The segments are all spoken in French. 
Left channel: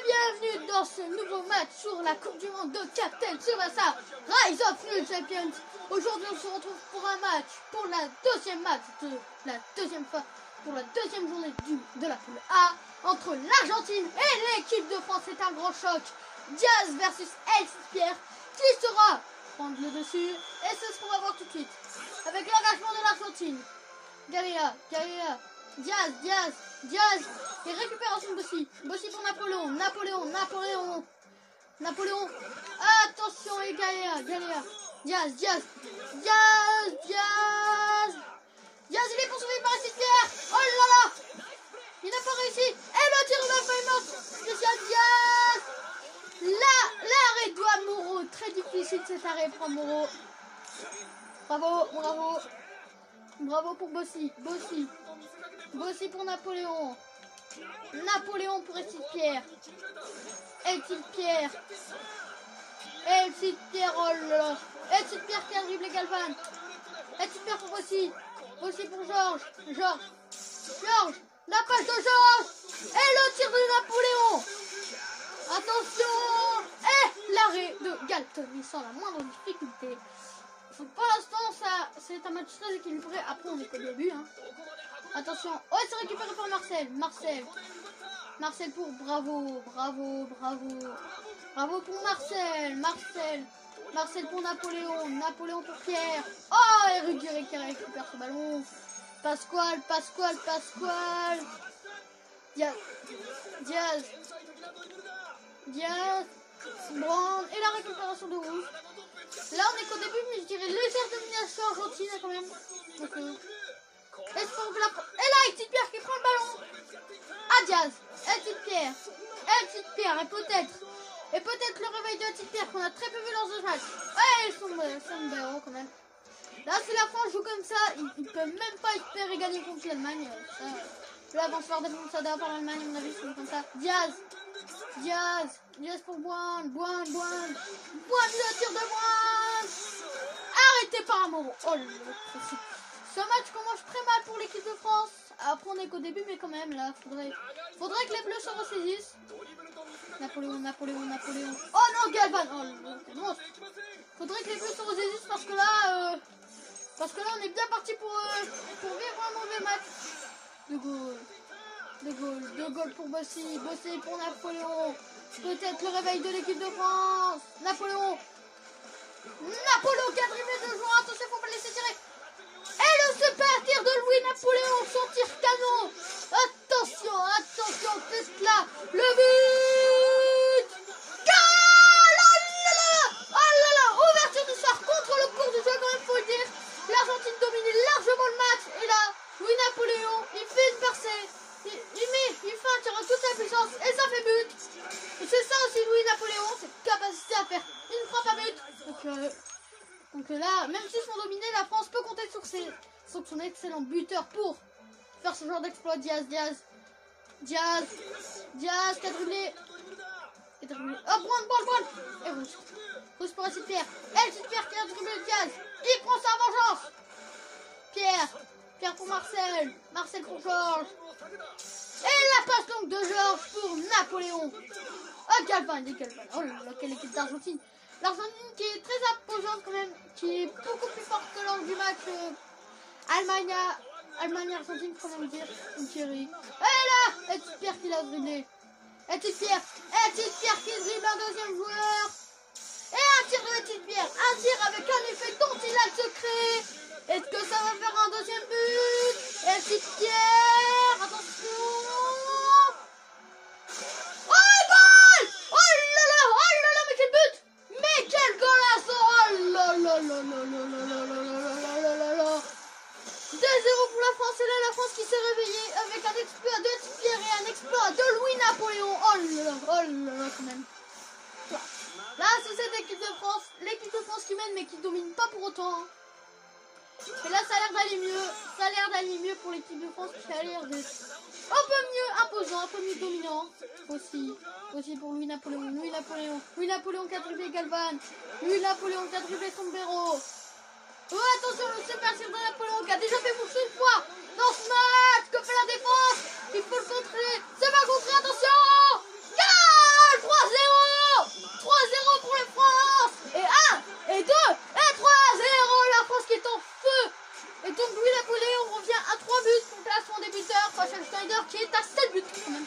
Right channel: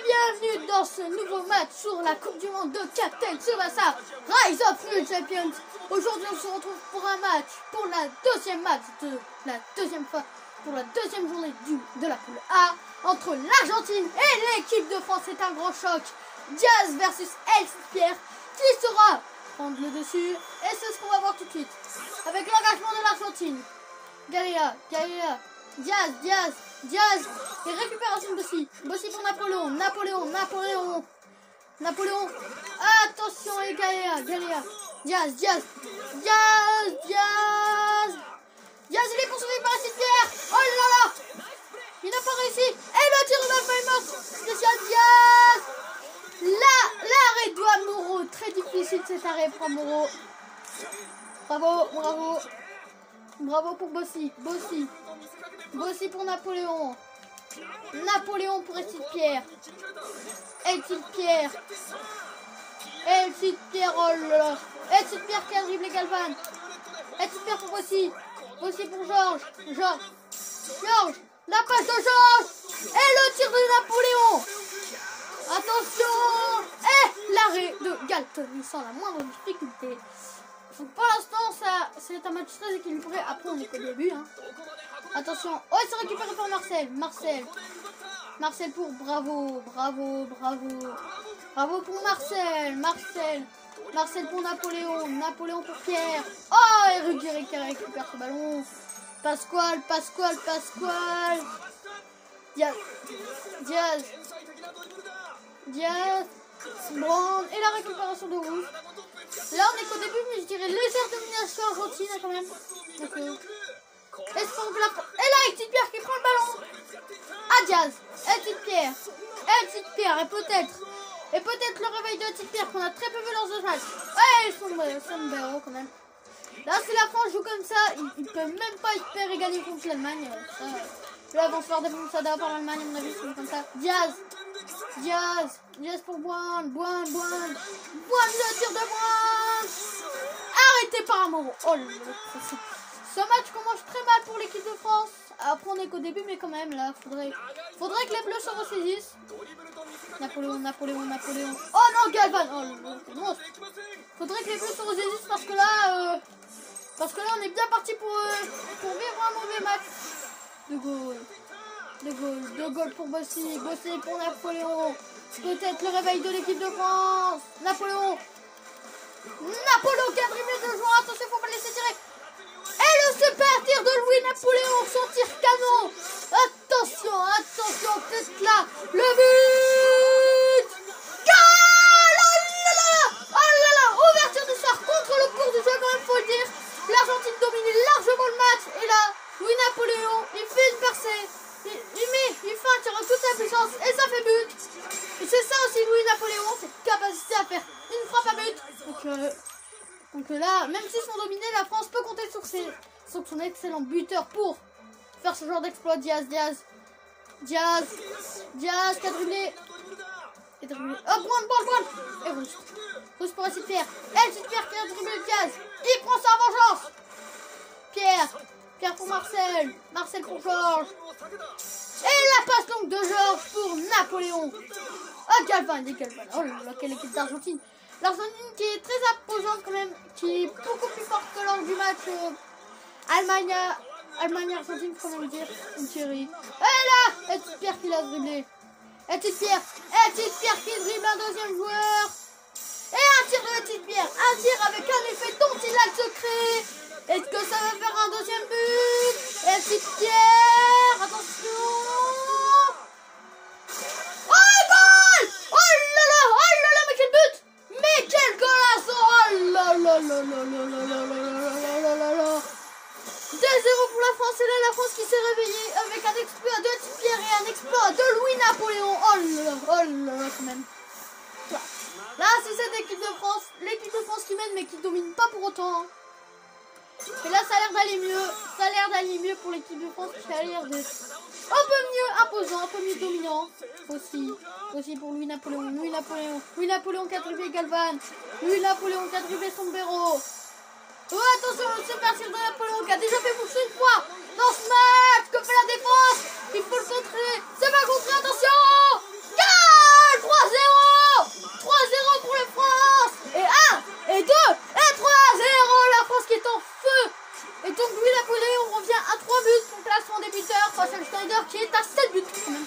et bienvenue dans ce nouveau match sur la Coupe du Monde de Captain Tsubasa Rise of the Champions. Aujourd'hui on se retrouve pour un match, pour la deuxième match de la deuxième fois, pour la deuxième journée de la poule A entre l'Argentine et l'équipe de France. C'est un gros choc. Diaz versus Pierre. Qui sera prendre le dessus? Et c'est ce qu'on va voir tout de suite. Avec l'engagement de l'Argentine. Galea, Diaz. Et récupération de Bossi. Bossi pour Napoléon. Attention et Galea. Diaz, il est poursuivi par Pierre. Oh là là. Il n'a pas réussi. Et le tir de la feuille spécial Diaz. L'arrêt doit Moreau. Très difficile cet arrêt pour Moreau. Bravo pour Bossi. Bossi pour Napoléon. Napoléon pour Pierre. Pierre, oh là là. Pierre qui a dribblé Galvan. Pierre pour Bossi. Bossi pour Georges. La passe de Georges. Et le tir de Napoléon. Attention. Et l'arrêt de Galton sans la moindre difficulté. Donc pour l'instant, c'est un match très équilibré. Après, on est qu'au début. Hein. Attention. Oh, c'est récupéré par Marcel pour Bravo pour Marcel pour Napoléon pour Pierre. Oh, et Ruggieri qui récupère ce ballon. Pasquale. Diaz. Bon, et la récupération de Rouge. Là, on est qu'au début, mais je dirais légère domination argentine quand même. Donc, et là, Pierre qui prend le ballon. À Diaz. Pierre. Et peut-être le réveil de Pierre qu'on a très peu vu lors de match. Ouais, son héros quand même. Là, si la France joue comme ça, il peut même pas espérer gagner contre l'Allemagne. Là, ils vont se faire défoncer par l'Allemagne, à mon avis, c'est comme ça. Diaz pour Boine, le tir de Boine. Arrêté par Moreau. Oh là là, ce match commence très mal pour l'équipe de France. Après, on est qu'au début, mais quand même, là, faudrait que les Bleus se ressaisissent. Napoléon. Oh non, Galvan. Oh là là, c'est monstre. Faudrait que les Bleus se ressaisissent parce que là, on est bien parti pour vivre un mauvais match. De Gaulle pour Bossi pour Napoléon. Peut-être le réveil de l'équipe de France. Napoléon qui a dribblé 2 joueurs. Attention, faut pas le laisser tirer. Et le super tir de Louis Napoléon, son tir canon. Attention, teste là. Le but. Oh là là, ouverture du soir contre le cours du jeu, quand même, faut le dire. L'Argentine domine largement le match. Et là, Louis Napoléon, il fait une percée. Il fait un tir en toute la puissance et ça fait but. Et c'est ça aussi Louis Napoléon, cette capacité à faire une frappe à but. Donc là, même s'ils sont dominés, la France peut compter sur son excellent buteur pour faire ce genre d'exploit. Diaz qui a dribblé. Oh, Boine. Et Rouge pour Pierre. Pierre qui a dribblé Diaz. Il prend sa vengeance. Pierre pour Marcel pour Georges. Et la passe donc de Georges pour Napoléon. Oh, Galvan. Oh là là, quelle équipe d'Argentine. L'Argentine qui est très imposante quand même, qui est beaucoup plus forte que lors du match Allemagne-Argentine, faut même dire. Une tuerie. Et là, Pierre qui l'a dribblé. Pierre qui dribble un deuxième joueur. Et un tir de Pierre. Un tir avec un effet dont il a le secret. Est-ce que ça va faire un deuxième but? Pierre, attention. Oh là là, mais quel but! Mais quel golazo! Oh là là. 2-0 pour la France. Et là, la France qui s'est réveillée avec un exploit de Pierre et un exploit de Louis Napoléon. Oh là là, quand même. Là, c'est cette équipe de France. L'équipe de France qui mène, mais qui ne domine pas pour autant. Et là, ça a l'air d'aller mieux. Pour l'équipe de France qui a l'air d'être un peu mieux imposant, un peu mieux dominant. Aussi pour Louis Napoléon qui a dribblé Galvan. Louis Napoléon qui a dribblé Sombrero. Oh, attention, le super tir de Napoléon qui a déjà fait bouger une fois dans ce match. Que fait la défense? Il faut le contrer. C'est pas contré, attention. Et donc Louis Napoléon revient à 3 buts pour le classement des buteurs face à Schneider qui est à 7 buts quand même.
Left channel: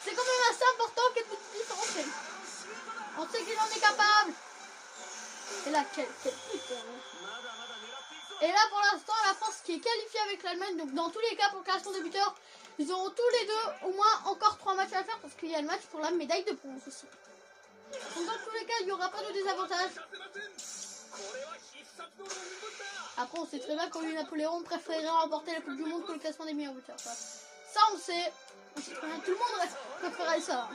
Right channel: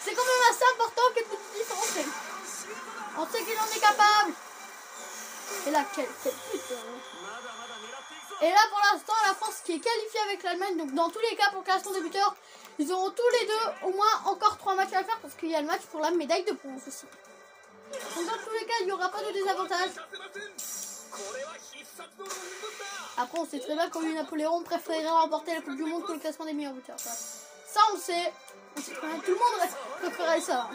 C'est quand même assez important qu'elle peut se différencier. On sait qu'il en est capable. Et là, quel buteur. Et là pour l'instant la France qui est qualifiée avec l'Allemagne, donc dans tous les cas pour le classement des buteurs, ils auront tous les deux au moins encore 3 matchs à faire parce qu'il y a le match pour la médaille de bronze aussi. Donc dans tous les cas il n'y aura pas de désavantage. Après on sait très bien que Louis Napoléon préférerait remporter la Coupe du Monde que le classement des meilleurs buteurs. Ça on sait très bien, tout le monde préférerait ça.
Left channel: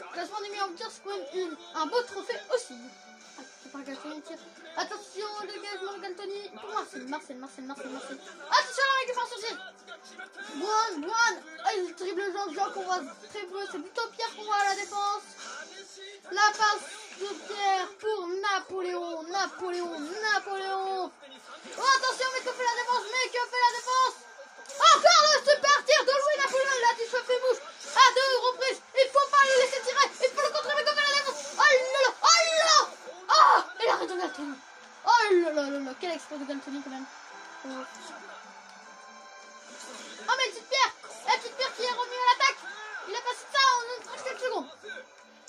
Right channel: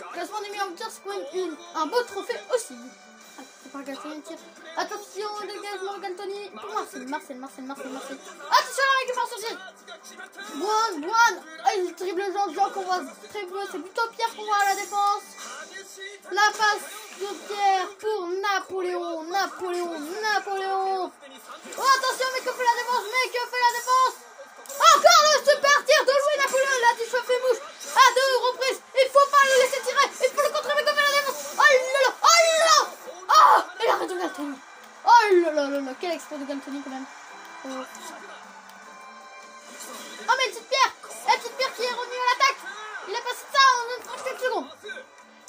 Le classement des meilleurs buteurs c'est quand même un beau trophée aussi. Attention, dégagement Galtoni pour Marcel. Attention, la récupération aussi. Boine. Il dribble Jean qu'on voit très bleu. C'est plutôt Pierre qu'on voit à la défense. La passe de Pierre pour Napoléon. Oh, attention, mais que fait la défense? Encore le super tir de Louis Napoléon. Il a dit ça fait mouche à 2 reprises. Il faut pas le laisser tirer. Il faut le contrôler, mais que fait la défense? Oh, et l'arrêt de Galtoni. Oh là là, quel exploit de Galtoni quand même. Oh mais petite Pierre qui est revenu à l'attaque. Il a passé ça en 37 secondes.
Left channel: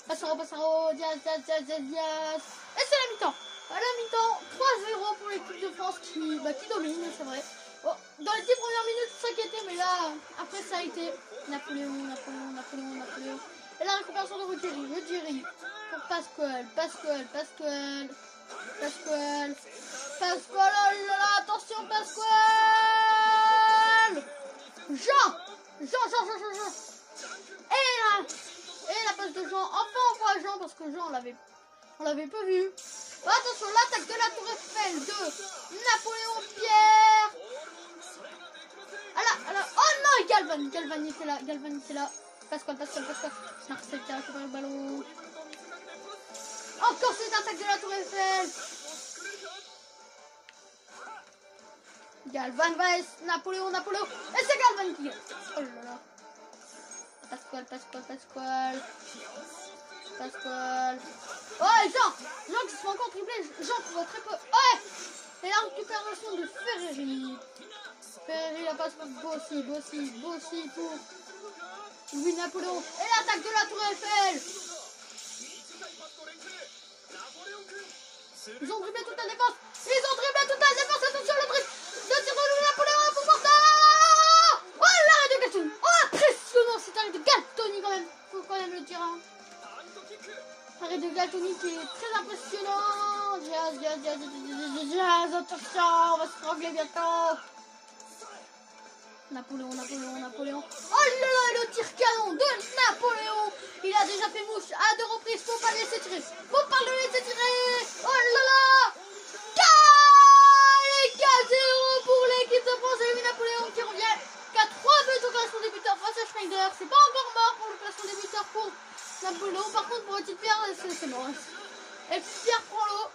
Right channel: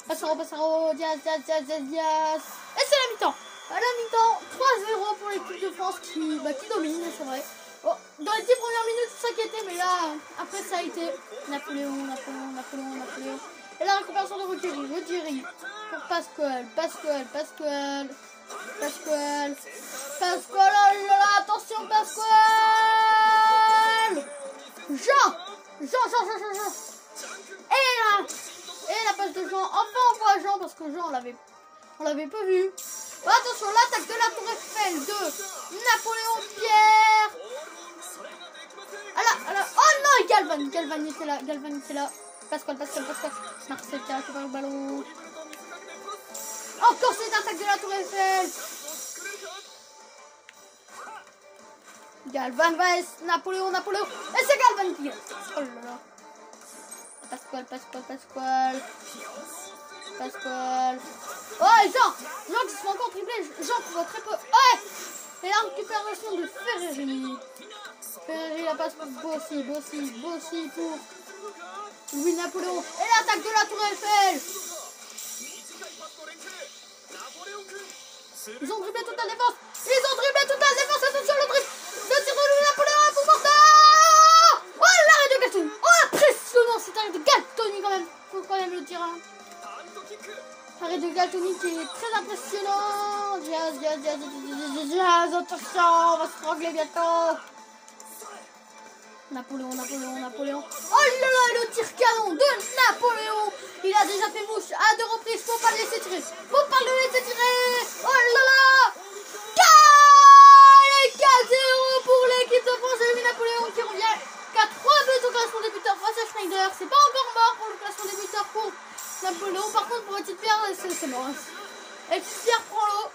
Passero, Diaz. Et c'est la mi-temps. À la mi-temps, 3-0 pour l'équipe de France qui domine, c'est vrai. Oh, dans les 10 premières minutes, ça s'inquiétait, mais là, après ça a été Napoléon. Et la récupération de Ruggieri pour Pasquale. Oh là là, attention Pasquale. Jean. Et la passe de Jean. Enfin on voit Jean parce que Jean on l'avait pas vu. Oh, attention, l'attaque de la Tour Eiffel de Napoléon Pierre. Oh non, Galvan était là. Pasquale. Marcel qui a récupéré le ballon. Encore cette attaque de la Tour Eiffel. Galvan vs Napoléon. Et c'est Galvan qui gagne. Oh là là. Pasquale. Oh, et Jean qui se fait encore tripler. Jean qui voit très peu. Ouais. Et la récupération de Ferreri. La passe pour Bossi pour Louis Napoléon. Et l'attaque de la Tour Eiffel. Ils ont dribblé toute la défense. Attention le dribble. Le tir de Louis Napoléon pour Martin. Oh, l'arrêt de Galtoni. Oh, impressionnant cet arrêt de Galtoni quand même. Faut quand même le dire. Arrêt de Galtoni qui est très impressionnant. Diaz. Attention, on va se strangler bientôt. Napoléon. Oh là là, le tir canon de Napoléon. Il a déjà fait mouche à 2 reprises. Faut pas le laisser tirer. Oh là là. 4-0 pour l'équipe de France et Louis Napoléon qui revient qu'à 3 buts au classement des buteurs face à Schneider. C'est pas encore mort pour le classement des buteurs pour Napoléon. Par contre pour Petite Pierre c'est mort. Et Petite Pierre prend l'eau.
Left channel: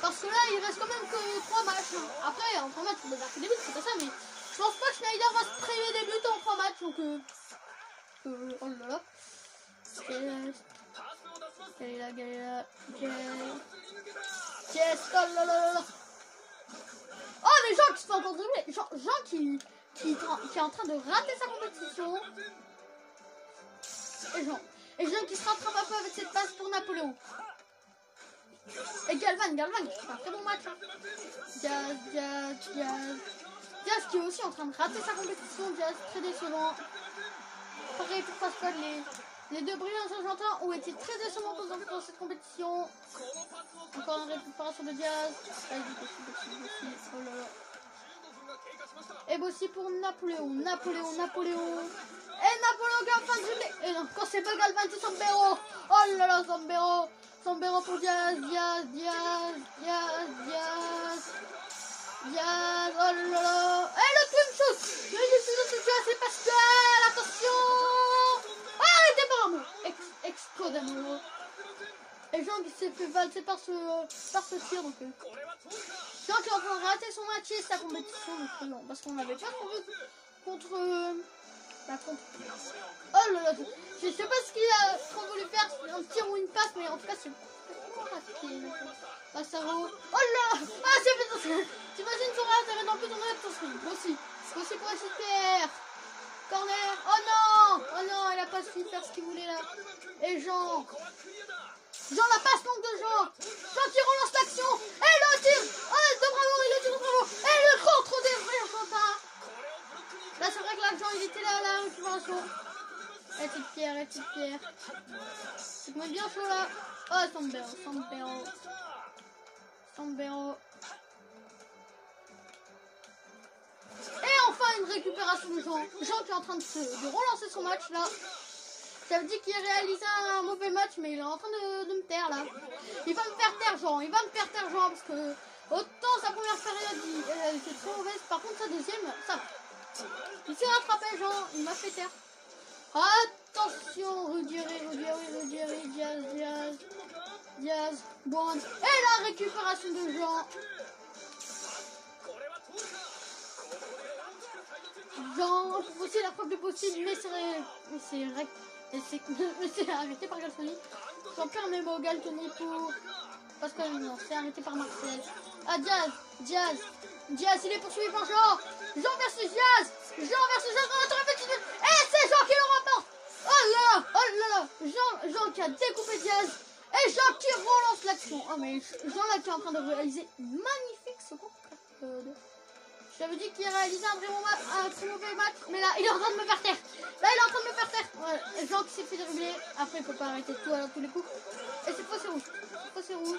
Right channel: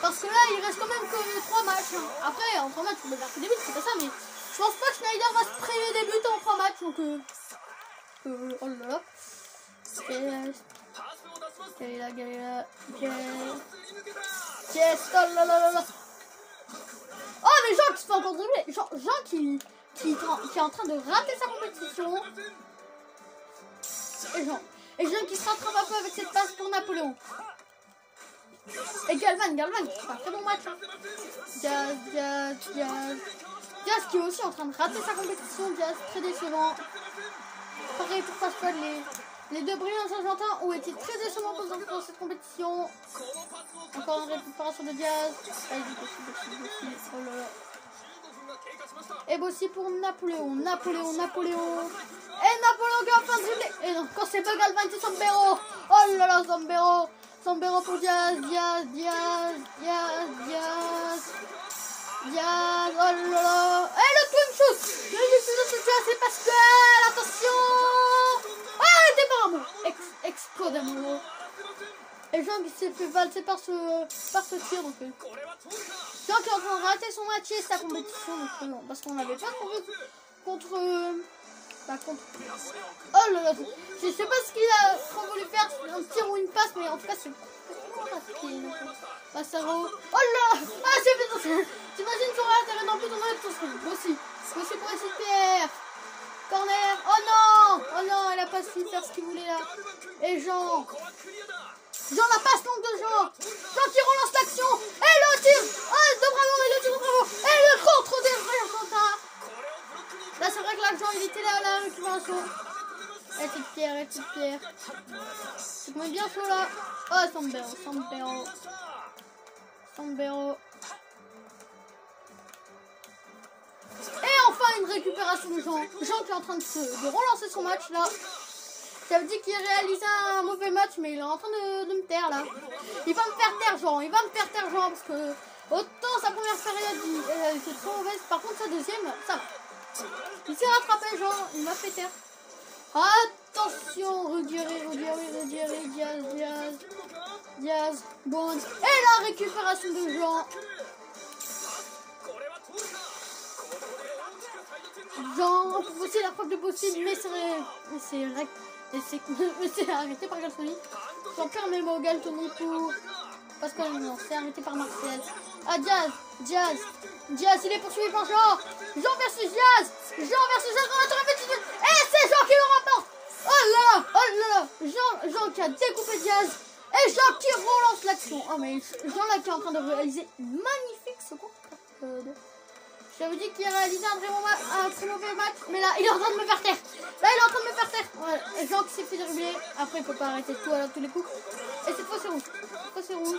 Parce que là il reste quand même que 3 matchs. Après en 3 matchs on doit marquer des buts, c'est pas ça, mais je pense pas que Schneider va se priver des buts en 3 matchs. Donc oh là là. Oh mais Jean qui se fait encore dribbler. Jean qui est en train de rater sa compétition. Et Jean qui se rattrape un peu avec cette passe pour Napoléon. Et Galvan qui fait un très bon match. Diaz qui est aussi en train de rater sa compétition. Diaz très décevant. Pareil pour Pasquale. Les 2 brillants argentins ont été très décevants dans cette compétition. Encore une récupération de Diaz. Bossi. Oh là là. Et Bossi pour Napoléon. Et Napoléon qui est en train de dribbler. Et non, quand c'est pas Galvan, c'est Sambero. Oh là là, Sambero pour Diaz. Oh là là. Et le twin shoot. C'est Pasquale. Attention. Oh, elle était par amour. Exploit d'amour. Et Jean qui s'est fait valser par ce tir. Donc, Jean qui est en train de rater son match et sa compétition. Donc, non, parce qu'on n'avait pas trouvé contre. Oh là là. Je sais pas ce qu'il a trop voulu faire. Un tir ou une passe, mais en tout cas, c'est. Passero. Oh là. Ah, c'est fait. T'imagines son Bossy pour SPR. Corner. Oh non, il a pas su faire ce qu'il voulait là. Et Jean la passe manque de Jean qui relance l'action. Et le tir. Oh, de Bravo, et le tir de Bravo. Et le contre des Argentins. Là, c'est vrai que là, Jean, il était là, récupération. Et petite pierre. Il met bien chaud là. Oh, Sambero. Et enfin une récupération de Jean. Jean qui est en train de relancer son match là. Ça veut dire qu'il réalisait un mauvais match, mais il est en train de me taire là. Il va me faire taire Jean, parce que autant sa première période était trop mauvaise. Par contre sa deuxième, ça va. Il s'est rattrapé Jean, il m'a fait taire. Attention, Ruggeri, Diaz, Bond. Et la récupération de Jean. Jean, aussi la frappe de possible, mais c'est arrêté par Galtoni. J'en perds mes mots, Galtoni pour Pascal, non, c'est arrêté par Martial. Ah, Diaz, il est poursuivi par Jean. Jean versus Diaz, et c'est Jean qui le remporte. Oh là, Jean qui a découpé Diaz, et Jean qui relance l'action. Oh mais Jean là qui est en train de réaliser une magnifique seconde. J'avais dit qu'il réalisait un très mauvais match, mais là il est en train de me faire taire. Ouais, Jean qui s'est fait dribbler. Après il faut pas arrêter tout à tous les coups. Et cette fois c'est rouge.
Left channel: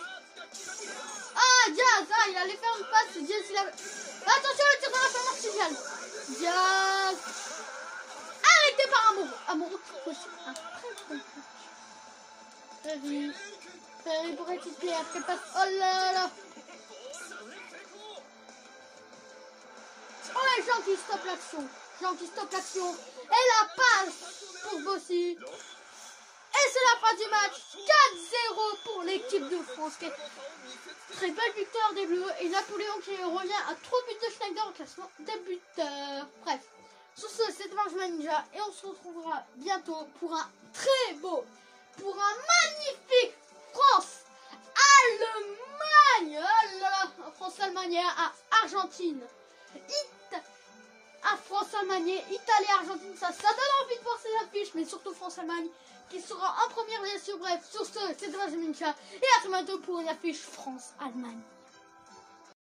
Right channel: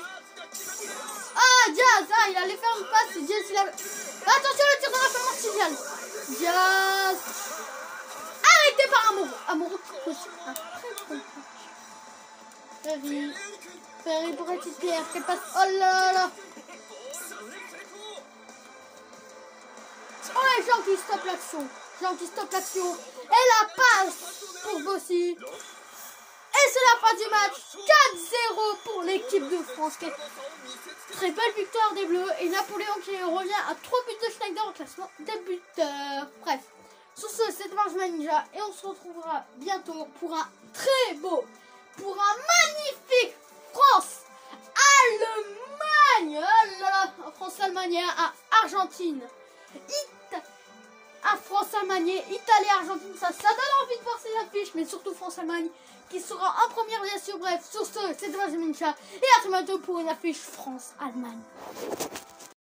Ah, Diaz, il allait faire une passe. Diaz, il a... Attention, le tir de la fin martiale. Diaz. Arrêté par Amoureux. Ferry pour petite pierre. Quelle passe. Oh là là. Oh, Jean qui stoppe l'action. Et la passe pour Bossy. Et c'est la fin du match. 4-0 pour l'équipe de France. Très belle victoire des Bleus. Et Napoléon qui revient à 3 buts de Schneider au classement des buteurs. Bref. Sur ce, c'était Marjolaine Ninja. Et on se retrouvera bientôt pour un magnifique France-Allemagne. Oh là là. France-Allemagne à Argentine. France-Allemagne, Italie-Argentine, ça donne envie de voir ces affiches, mais surtout France-Allemagne qui sera en première bien sûr. Bref, sur ce, c'est Marjolaine Ninja et à très bientôt pour une affiche France-Allemagne.